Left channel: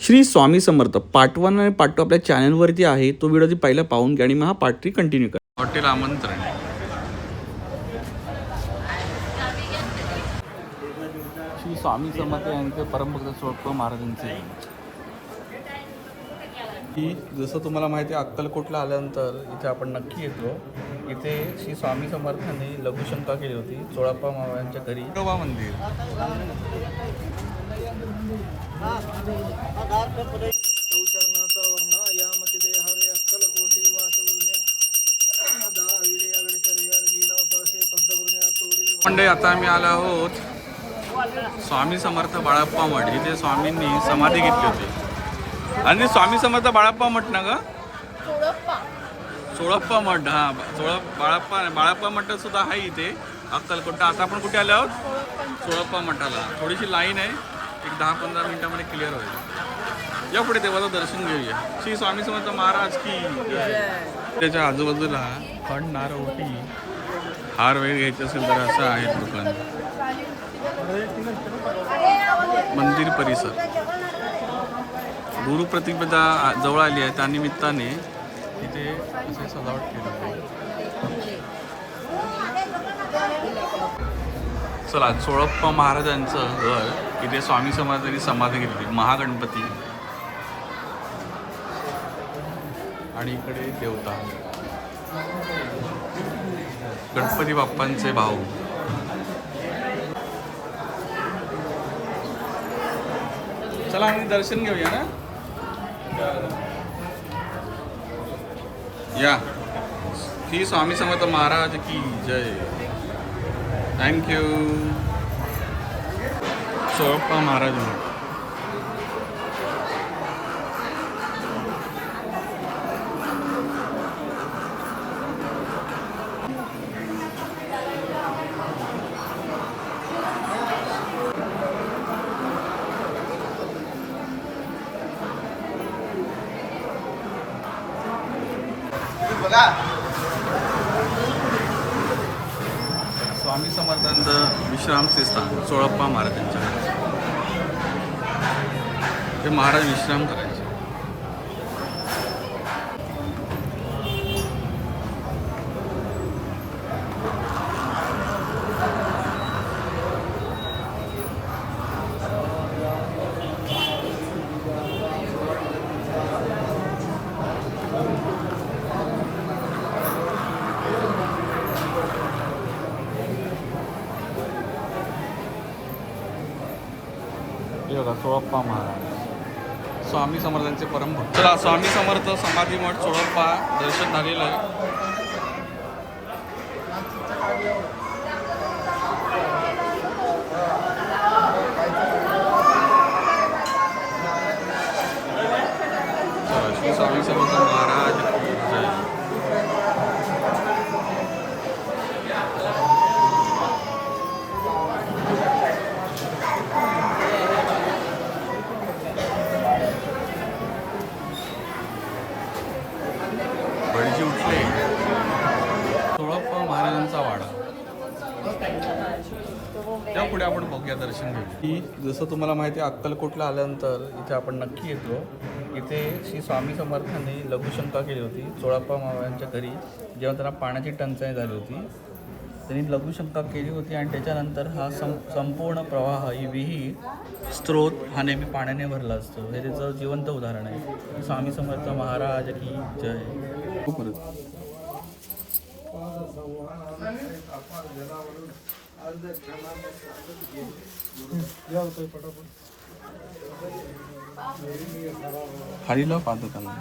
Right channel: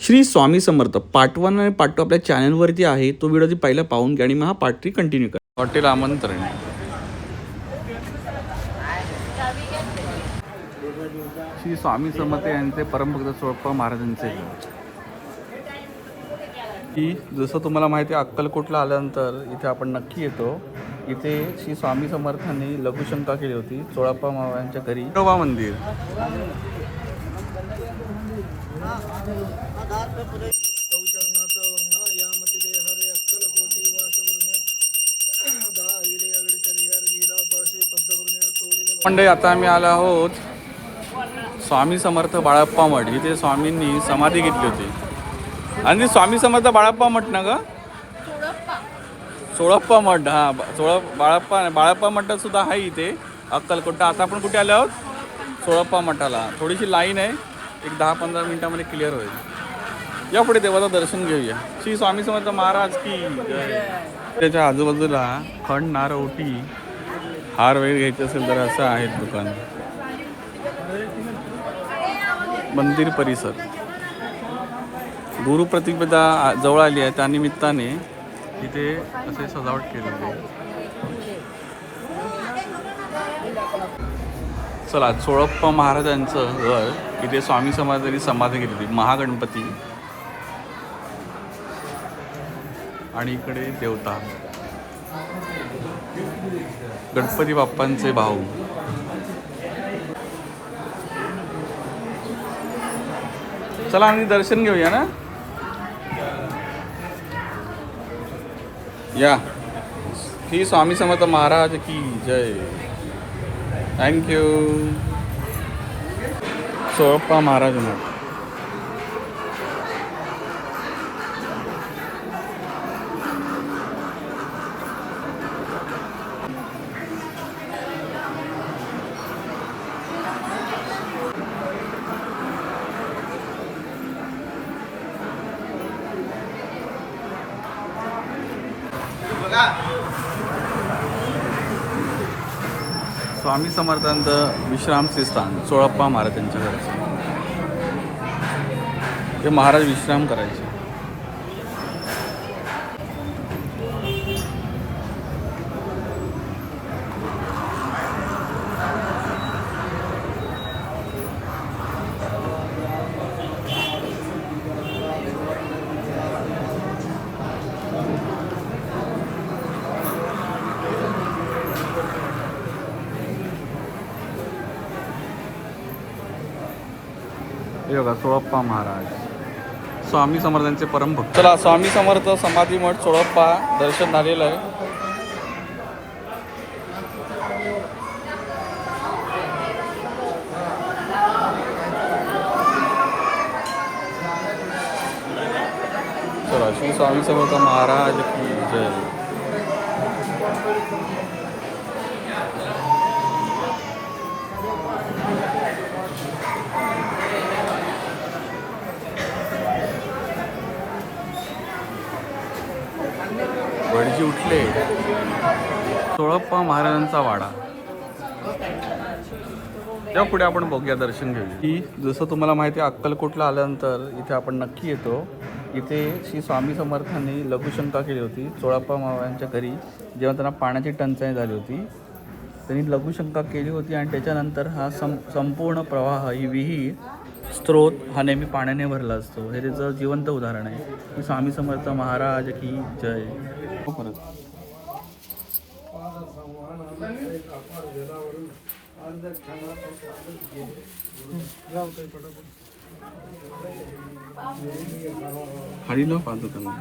Shri Swami Samarth part 1 आणि part 2 आपल्या चॅनलवरती आहे. तो व्हिडिओ पहिला पाहून घ्या आणि मग हा पार्ट 3 कंटिन्यू करा. हॉटेल आमंत्रण. श्री स्वामी समर्थ यांचे परमभक्त सोळप्पा महाराजांचे की जसं तुम्हाला माहिती आहे, अक्कलकोटला आल्यानंतर इथे आपण नक्की येतो. इथे श्री स्वामी समर्थांनी लघुशंका केली होती सोळप्पा महाराजांच्या घरी. विठोबा मंदिर. मंडळी, आता आम्ही आलो आहोत स्वामी समर्थ बाळप्पा मठ. इथे स्वामींनी समाधी घेतली होती. आणि स्वामी समर्थ बाळप्पा मठ ना ग, सोळप्पा मठ. हा, बाळप्पा मठ सुद्धा आहे इथे अक्कलकोट. आता आपण कुठे आलो आहोत? सोळप्पा मठाला. थोडीशी लाईन आहे, एक 10-15 मिनिटामध्ये क्लिअर होईल. या पुढे देवाचं दर्शन घेऊया. श्री स्वामी समर्थ महाराज की जय. त्याच्या आजूबाजूला खंड, नारळ, ओटी, हार वगैरे घ्यायचे असेल तर असं आहे दुकान. मंदिर परिसर. गुरुप्रतिपदा जवळ आली आहे, त्यानिमित्ताने इथे असे सजावट केलेली आहे. चला, सोळप्पा महाराजांचं घर. इथे स्वामी समर्थांनी समाधी घेतली. महागणपती आणि इकडे देवता गणपती बाप्पांचे भाऊ. चला आम्ही दर्शन घेऊया ना. या. श्री स्वामी समर्थ महाराज की जय. थँक्यू. सोळप्पा महाराज मठ. स्वामी समर्थांचं विश्रामचे स्थान सोळप्पा महाराजांच्या घराचे. ते महाराज विश्राम करायचे. बघा, सोळप्पा महाराज स्वामी समर्थांचे परमभक्त. चला, स्वामी समर्थ समाधी मठ सोळप्पा दर्शन झालेलं आहे. चला, श्री स्वामी समर्थ महाराज की जय. भटजी उठले. सोळप्पा महाराजांचा वाडा. त्या पुढे आपण बघूया, दर्शन घेऊया. की जसं तुम्हाला माहिती आहे, अक्कलकोटला आल्यानंतर इथे आपण नक्की येतो. इथे श्री स्वामी समर्थांनी लघुशंका केली होती सोळप्पा महाराजांच्या घरी. जेव्हा त्यांना पाण्याची टंचाई झाली होती, त्यांनी लघुशंका केली होती. आणि त्याच्यानंतर हा संपूर्ण प्रवाह, ही विहीर, स्त्रोत हा नेहमी पाण्याने भरला असतो. हे त्याचं जिवंत उदाहरण आहे. स्वामी समर्थ महाराज की जय. खाली ना पादुकांना.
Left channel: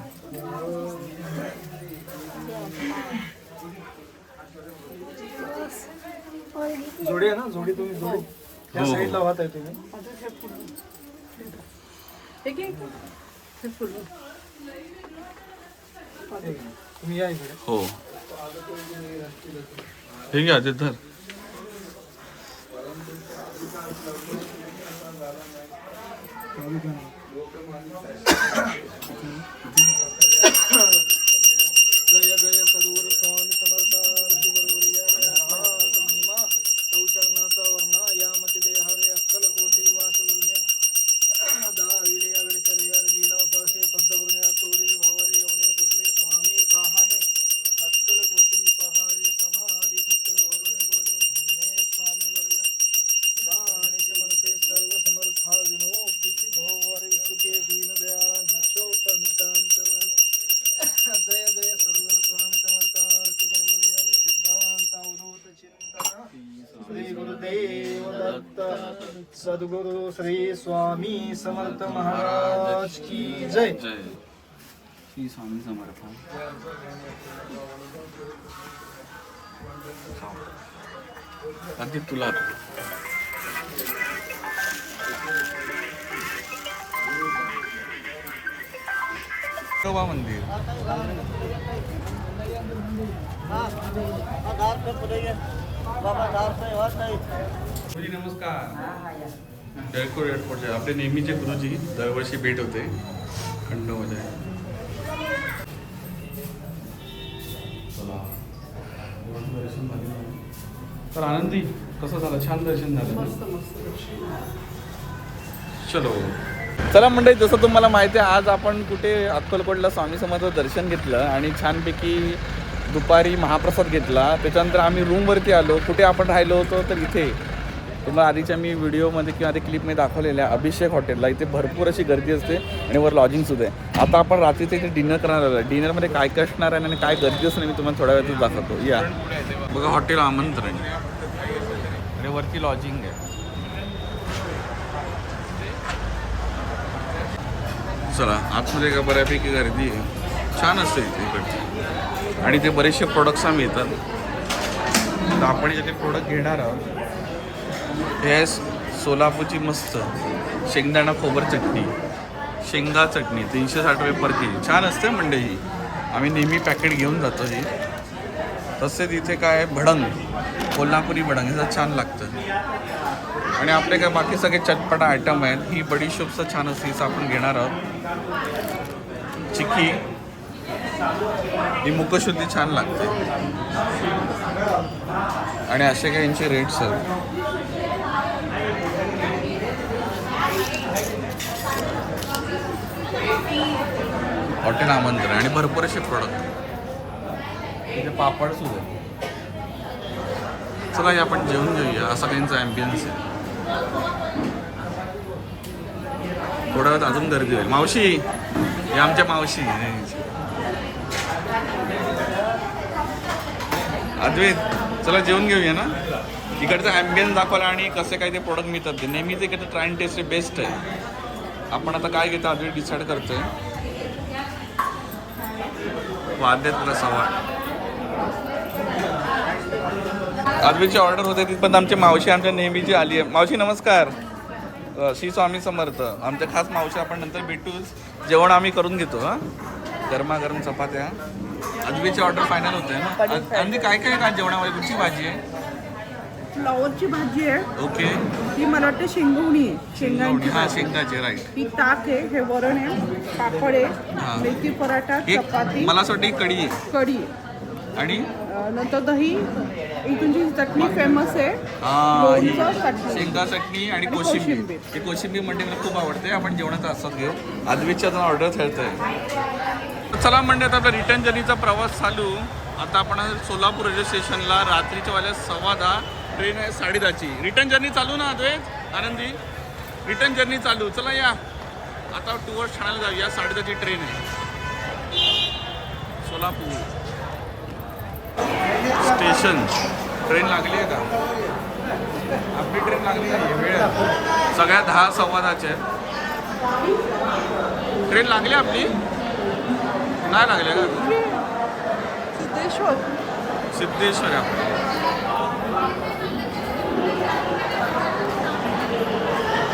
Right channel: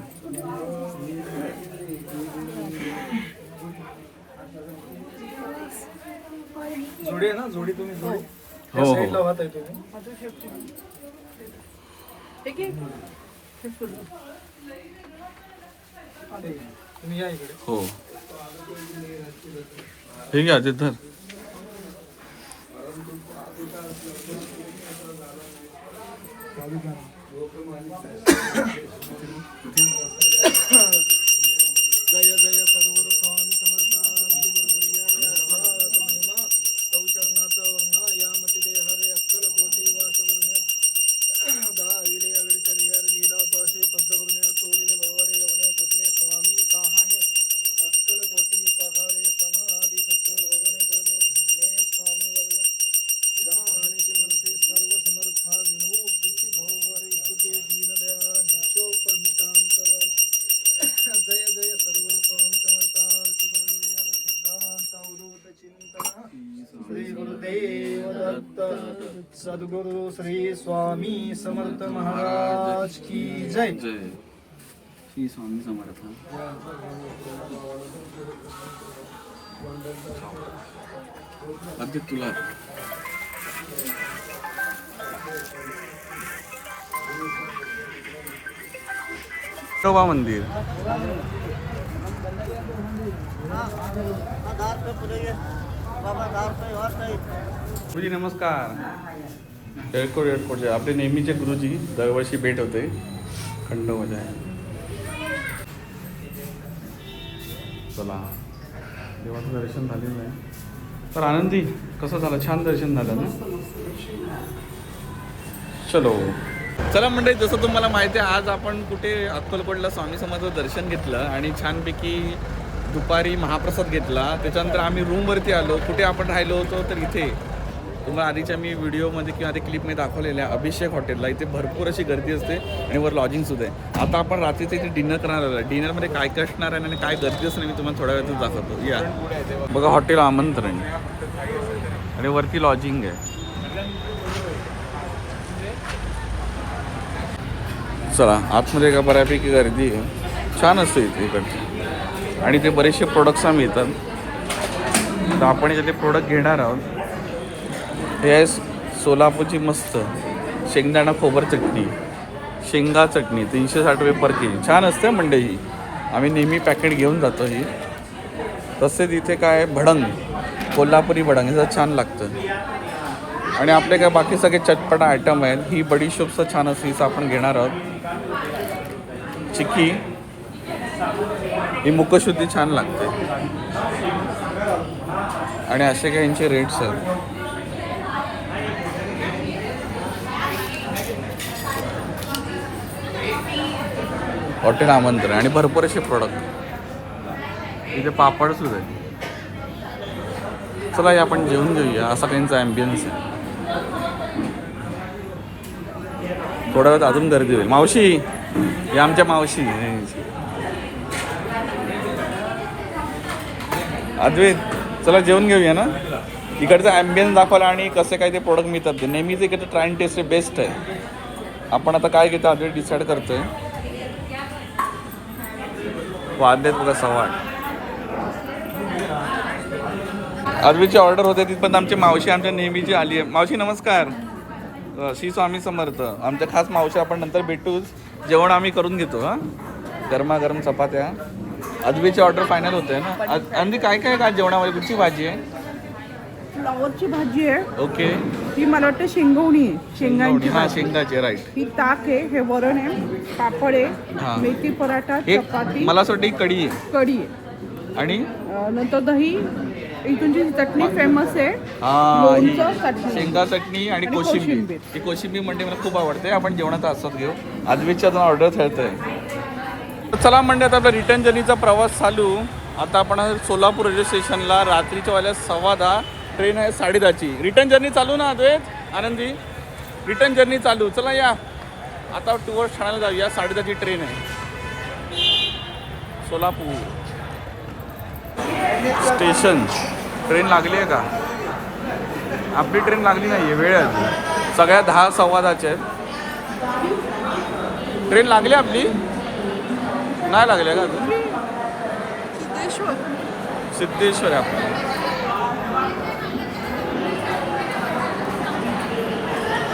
जोडी आहे ना, जोडी तुम्ही जोडी. हो साईडला वाहत आहे तुम्ही या इकडे. हो, हे घ्या ते धर. जय जय सद्गुरु स्वामी समर्थ. चरणाचा वर्णा यामती देहारे अक्कलकोटी वास गुरुन्या. दा विले सद्गुरु श्री स्वामी समर्थ महाराज की जय. जय श्री स्वामी समर्थ. आधी तुला विठोबा मंदिर. गुरुजी नमस्कार. एअरपोर्टचे आपले नेहमीचे गुरुजी दरवर्षी भेट होते. खंडोबाच्या चला देवाचं दर्शन झालेलं आहे. तर आनंदी कसं झालं? छान दर्शन झालं ना? चलो चला मंडळी, जसं तुम्हाला माहिती आहे आज आपण कुठे अक्कलकोटला स्वामी समर्थाचं दर्शन घेतलं आणि छानपैकी दुपारी महाप्रसाद घेतला. त्याच्यानंतर आम्ही रूमवरती आलो. कुठे आपण राहिलो होतो तर इथे तुम्हाला आधीच्या मी व्हिडिओमध्ये किंवा आधी क्लिपमध्ये दाखवलेल्या अभिषेक हॉटेलला. इथे भरपूर अशी गर्दी असते आणि वर लॉजिंगसुद्धा आहे. आता आपण रात्रीचं इथे डिनर करणार आलो. डिनरमध्ये काय काय असणार आहे आणि काय गर्दी असणार मी तुम्हाला थोड्या वेळातच दाखवतो. या बघा, हॉटेल आमंत्रण आणि वरती लॉजिंग आहे. चला आतमध्ये का बऱ्यापैकी गर्दी आहे. छान असते इथे इकडचे आणि ते बरेचसे प्रोडक्ट्स मिळतात. तर आपण इथे प्रोडक्ट घेणार आहोत. हे आहे सोलापूरची मस्त शेंगदाणा खोबर चटणी, शेंगा चटणी 360 रुपये पर के जी. छान असते मंडई ही. आम्ही नेहमी पॅकेट घेऊन जातो ही. तसेच इथे काय भडंग, कोल्हापुरी भडंग हे छान लागतं. आणि आपले काय बाकी सगळे चटपटा आयटम आहेत. ही बडीशोपचं छान असते, हिचं आपण घेणार आहोत. चिक्की, ही मुकशुद्धी छान लागते. आणि असे काही यांचे रेट्स आहेत. हॉटेल आमंत्रण आणि भरपूर असे प्रोडक्ट. इथे पापड सुद्धा आहे. चला या आपण जेवून घेऊया. असा त्यांचा ॲम्बियन्स आहे. थोड्या वेळात अजून गर्दी होईल. मावशी या आमच्या मावशी अद्वैत, चला जेवून घेऊया ना. इकडचा ॲम्बियन्स दाखवला आणि कसे काय ते प्रोडक्ट मिळतात ते नेहमीच इकडे ट्राय अँड टेस्ट बेस्ट आहे. आपण आता काय घेतो अद्वैत डिसाईड करतोय. वाद्यात बघा सवाड. अद्वैतची ऑर्डर होते तिथपर्यंत आमची मावशी आमच्या नेहमीची आली आहे. मावशी नमस्कार. श्री स्वामी समर्थ. आमच्या खास मावशी आपण नंतर भेटूच. जेवण आम्ही करून घेतो. हां, गरमागरम चपात्या. अद्वैतची ऑर्डर फायनल होते ना. अंदी काय काय का जेवणामध्ये कुठची भाजी आहे? फ्लावरची भाजी आहे. ओके. ही मला वाटतं शेंगवणी आहे. शेंगवणी, हां शेंगाची, राईट. ही ताक आहे, हे वरण आहे, पापड आहे, हां. मेथी पराठा, एक चपाती, मला असं वाटतं ही कढी आहे. कढी आहे. आणि नंतर दही. इथूनची चटणी फेमस आहे. हां, ही लोणचं, चटणी. शेंगा चटणी आणि कोशिंबीर. कोशिंबीर. ही कोशिंबीर म्हणजे मला खूप आवडते. आपण जेवणाचा आस्वाद घेऊ. अद्वैतची अजून ऑर्डर ठरतंय. चला म्हणजे आता आपला रिटर्न जर्नीचा प्रवास चालू. आता आपण सोलापूर रेल्वे स्टेशनला. रात्रीच्या वाजल्या 10:15. ट्रेन आहे 10:30ची. रिटर्न जर्नी चालू ना अद्वैत, आनंदी? रिटर्न जर्नी चालू. चला या आता टुवर्ड्स ठाण्याला जाऊया. 10:30ची ट्रेन आहे. सोलापूर स्टेशन. ट्रेन लागली आहे का? आपली ट्रेन लागली नाही आहे, वेळ आहे. सगळ्या 10 10:15च्या आहेत. ट्रेन लागली आपली? नाही लागली का अजून? सिद्धेश्वर आहे आपली.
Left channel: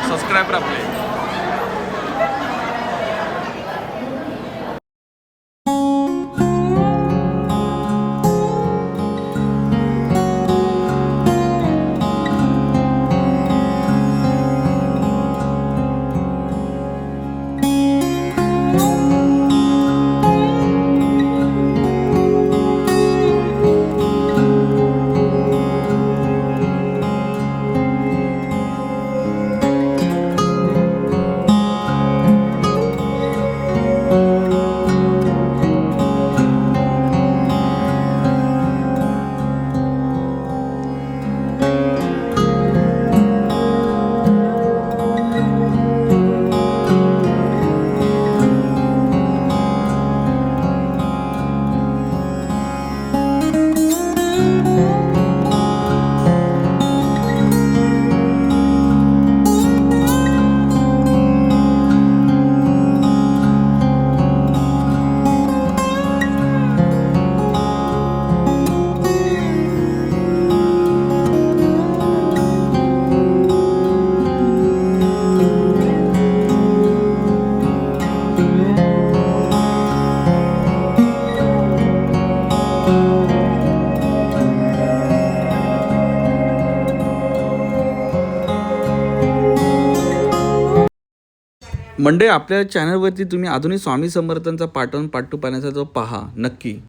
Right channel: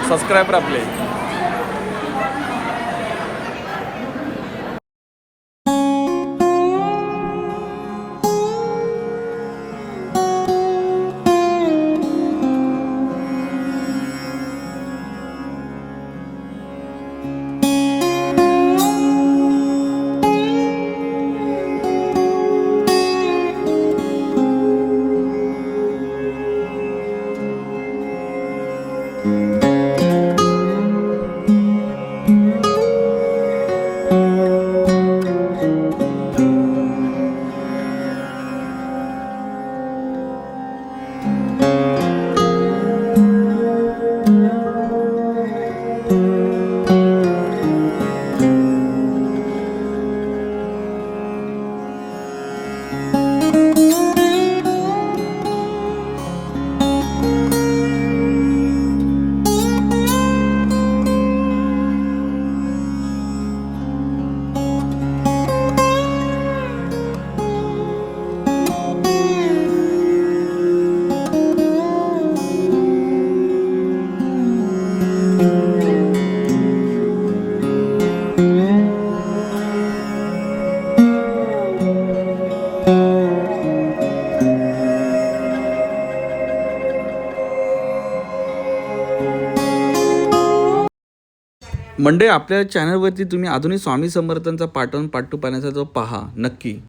सबस्क्रायबर आपले. मंडळी आपल्या चॅनलवरती तुम्ही अजूनही स्वामी समर्थांचा पार्ट 1 पार्ट 2 पाहण्याचा जो पहा नक्की.